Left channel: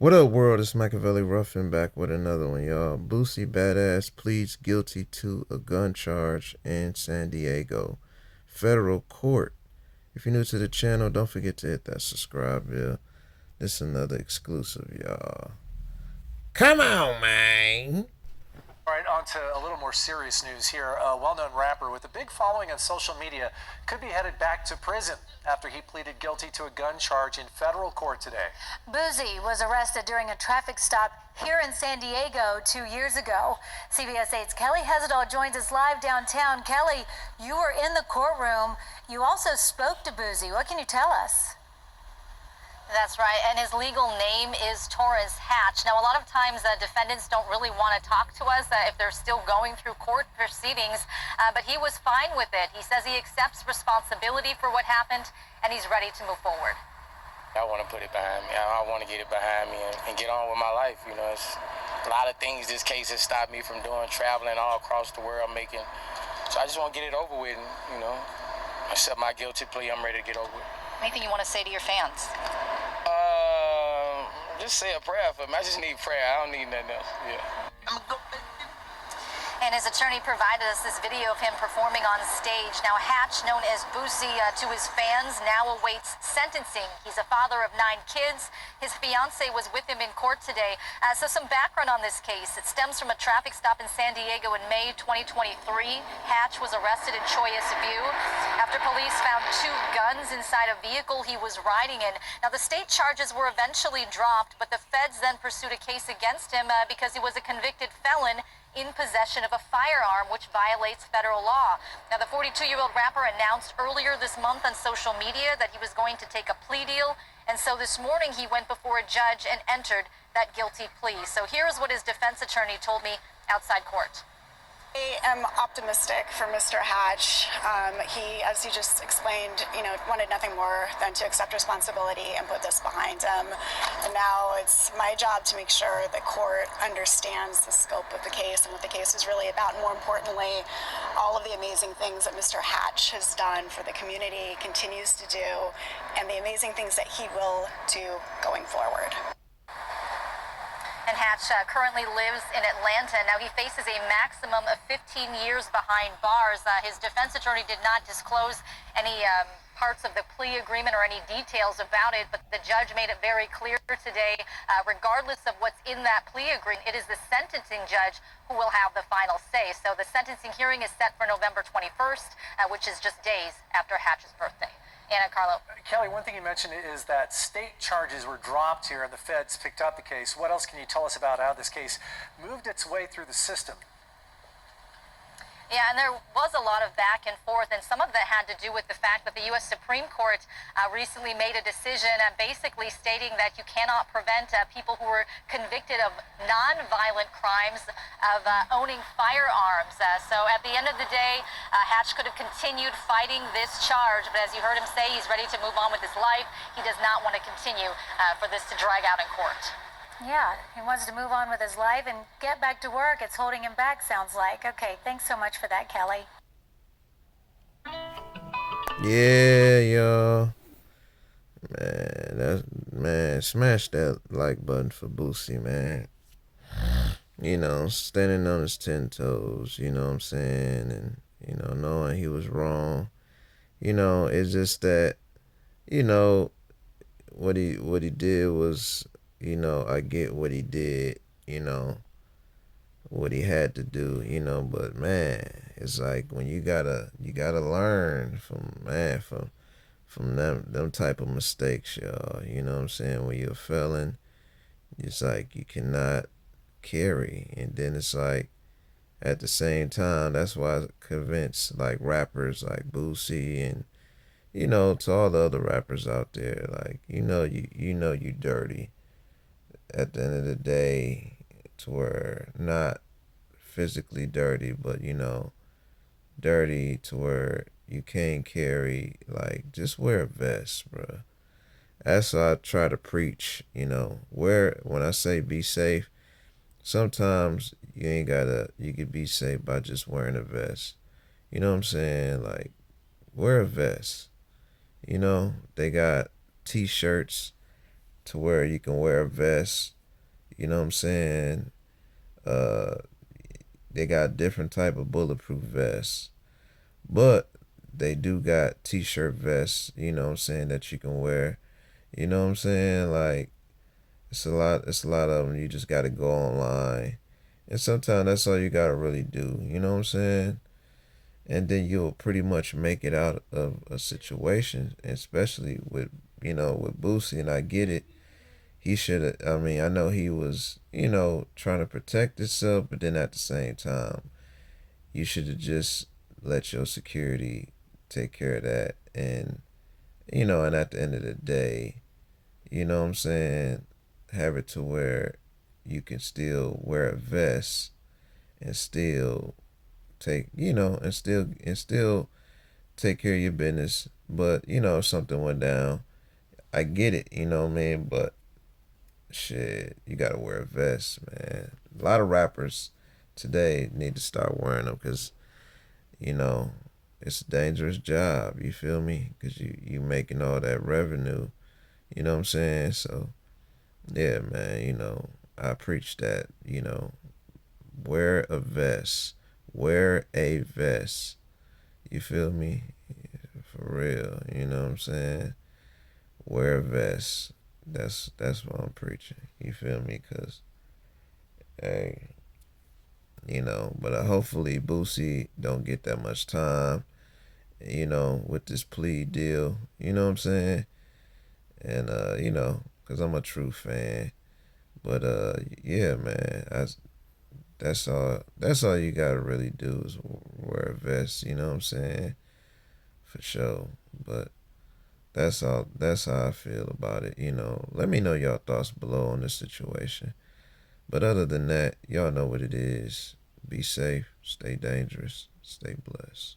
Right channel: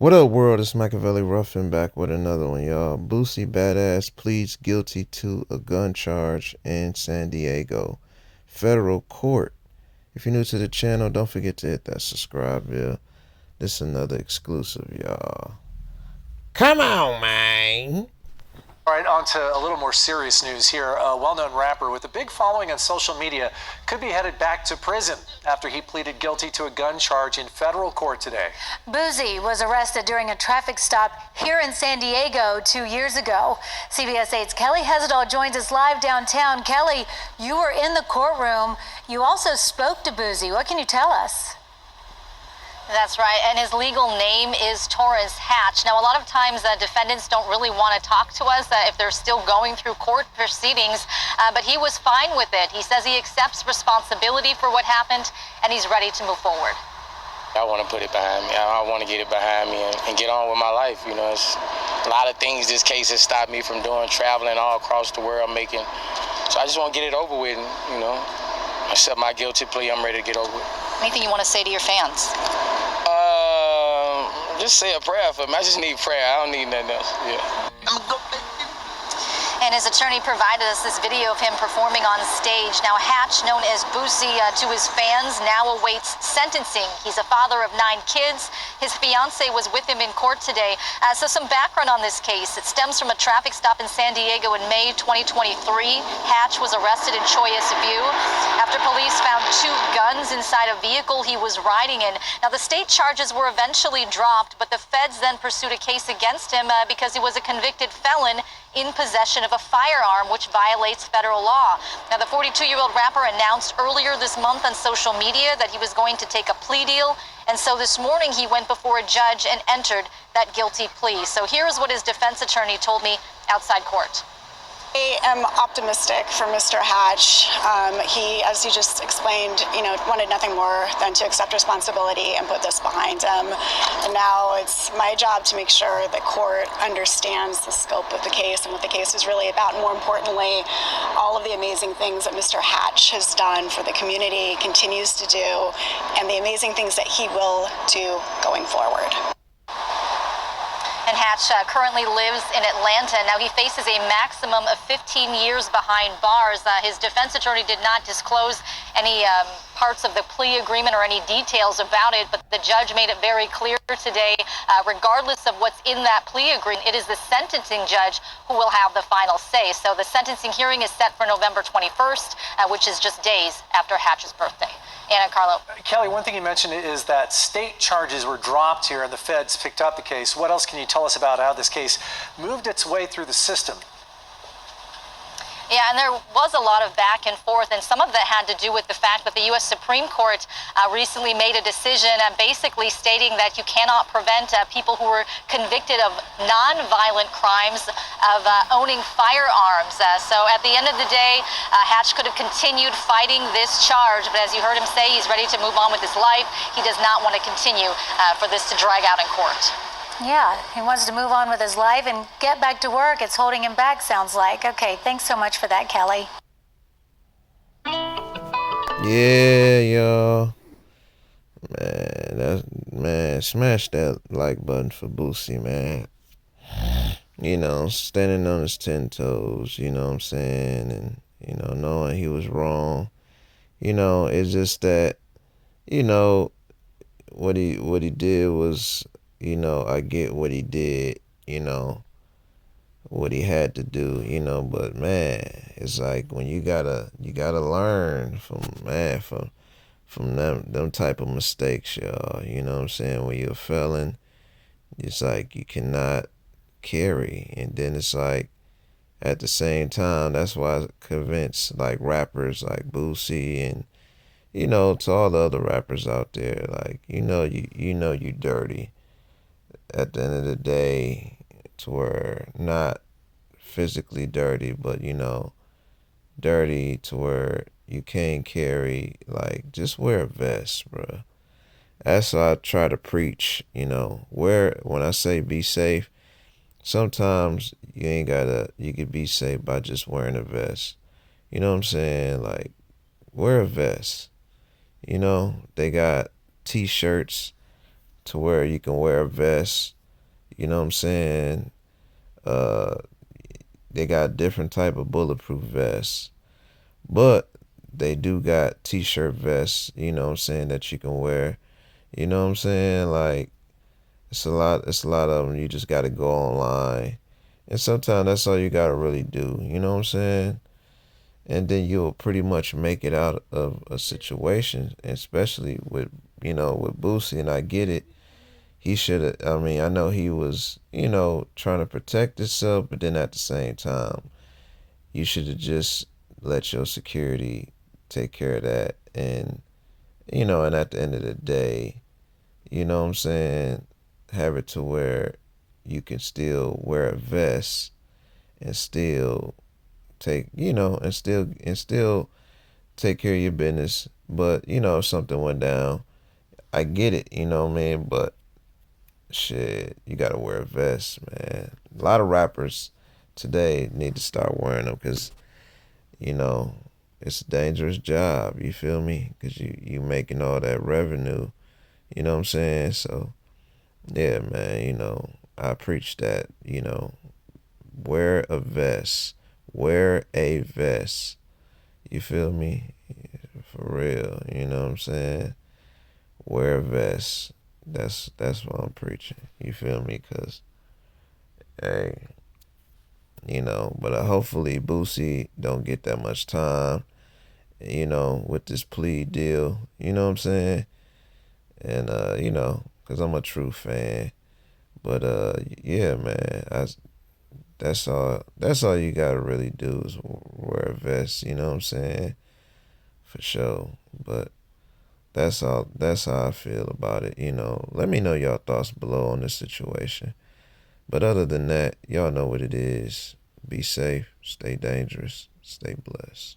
What up, world? It's Machiavelli Ruffin back with another one, y'all. Boosie Badazz pleads guilty to a gun charge in San Diego federal court. If you're new to the channel, don't forget to hit that subscribe bell. This is another exclusive, y'all. Come on, man. All right, on to a little more serious news here. A well-known rapper with a big following on social media could be headed back to prison after he pleaded guilty to a gun charge in federal court today. Boosie was arrested during a traffic stop here in San Diego 2 years ago. CBS 8's Kelly Hezedal joins us live downtown. Kelly, you were in the courtroom. You also spoke to Boosie. What can you tell us? That's right, and his legal name is Torres Hatch. Now, a lot of times defendants don't really want to talk to us if they're still going through court proceedings, but he was fine with it. He says he accepts responsibility for what happened, and he's ready to move forward. I want to put it behind me. I want to get it behind me and get on with my life. You know, it's a lot of things this case has stopped me from doing, traveling all across the world, making. So I just want to get it over with, and, accept my guilty plea. I'm ready to get over it. Anything you want to say to your fans? Just say a prayer for me. I just need prayer. I don't need nothing else. Yeah. And his attorney provided us this video of him performing on stage. Now, Hatch, known as Boosie to his fans, now awaits sentencing. He's a father of 9 kids. His fiance was with him in court today. So some background on this case. It stems from a traffic stop in San Diego in May 2023. Hatch was arrested in Choyas View after police found 2 guns inside a vehicle he was riding in. Now, the state charges were eventually dropped, but the feds then pursued a case against him because he was a convicted felon in possession of a firearm, which violates federal law. Now, the 42-year-old rapper announced earlier this month on social media that he was going to take a plea deal, and so this morning he went before a judge and entered that guilty plea. So here's what his defense attorney told me outside court. I am optimistic for Mr. Hatch. He, as you just explained, wanted nothing more than to accept responsibility and put this behind him. And now it's my job to make sure the court understands the scope of the case and what the case is really about. And more importantly, all of the amazing things that Mr. Hatch has done for the community, continues to do, and the amazing things that he will do going forward. And Hatch currently lives in Atlanta. Now, he faces a maximum of 15 years behind bars. His defense attorney did not disclose any parts of the plea agreement or any details about it, but the judge made it very clear today, regardless of what's in that plea agreement, it is the sentencing judge who will have the final say. So the sentencing hearing is set for November 21st, which is just days after Hatch's birthday. Anna, Carlo. Kelly, one thing you mentioned is that state charges were dropped here and the feds picked up the case. What else can you tell us about how this case moved its way through the system? Yeah, and there was a lot of back and forth, and some of that had to do with the fact that the U.S. Supreme Court recently made a decision basically stating that you cannot prevent people who were convicted of non-violent crimes of owning firearms. So at the end of the day, Hatch could have continued fighting this charge, but as you heard him say, he's ready to move on with his life. He does not want to continue for this to drag out in court. Yeah, he wants to move on with his life and get back to work. It's holding him back, sounds like. Okay, thanks so much for that, Kelly. Yeah, y'all. Man, smash that like button for Boosie, man. Standing on his 10 toes, you know what I'm saying? And, knowing he was wrong. It's just that, what he did was, I get what he did, what he had to do, but man, it's like when you gotta learn from them type of mistakes, y'all. You know what I'm saying? When you're a felon, it's like you cannot carry. And then it's like at the same time, that's why I convince like rappers like Boosie and to all the other rappers out there, like you dirty. At the end of the day, to where not physically dirty, but dirty to where you can't carry, like, just wear a vest, bro. That's what I try to preach, when I say be safe, sometimes you could be safe by just wearing a vest. You know what I'm saying? Like, wear a vest. They got t-shirts to where you can wear a vest. You know what I'm saying? Uh, they got different type of bulletproof vests, but they do got t-shirt vests. You know what I'm saying, that you can wear. You know what I'm saying? Like it's a lot. It's a lot of them. You just got to go online, and sometimes that's all you got to really do. You know what I'm saying? And then you'll pretty much make it out of a situation, especially with with Boosie. And I get it. He should have. I mean, I know he was trying to protect himself, but then at the same time, you should have just let your security take care of that. And and at the end of the day, you know what I'm saying, have it to where you can still wear a vest and still take and still take care of your business. But if something went down, I get it, you know what I mean? But shit, you gotta wear a vest, man. A lot of rappers today need to start wearing them because you know it's a dangerous job. You feel me? Because you making all that revenue. You know what I'm saying? So yeah, man. I preach that. Wear a vest. Wear a vest. You feel me? For real. You know what I'm saying? Wear a vest. That's what I'm preaching. You feel me? Cause hey, but hopefully Boosie don't get that much time. With this plea deal. You know what I'm saying? And cause I'm a true fan. But yeah, man. That's all you gotta really do is wear a vest. You know what I'm saying? For sure. But that's how I feel about it. Let me know y'all thoughts below on this situation. But other than that, y'all know what it is. Be safe, stay dangerous, stay blessed.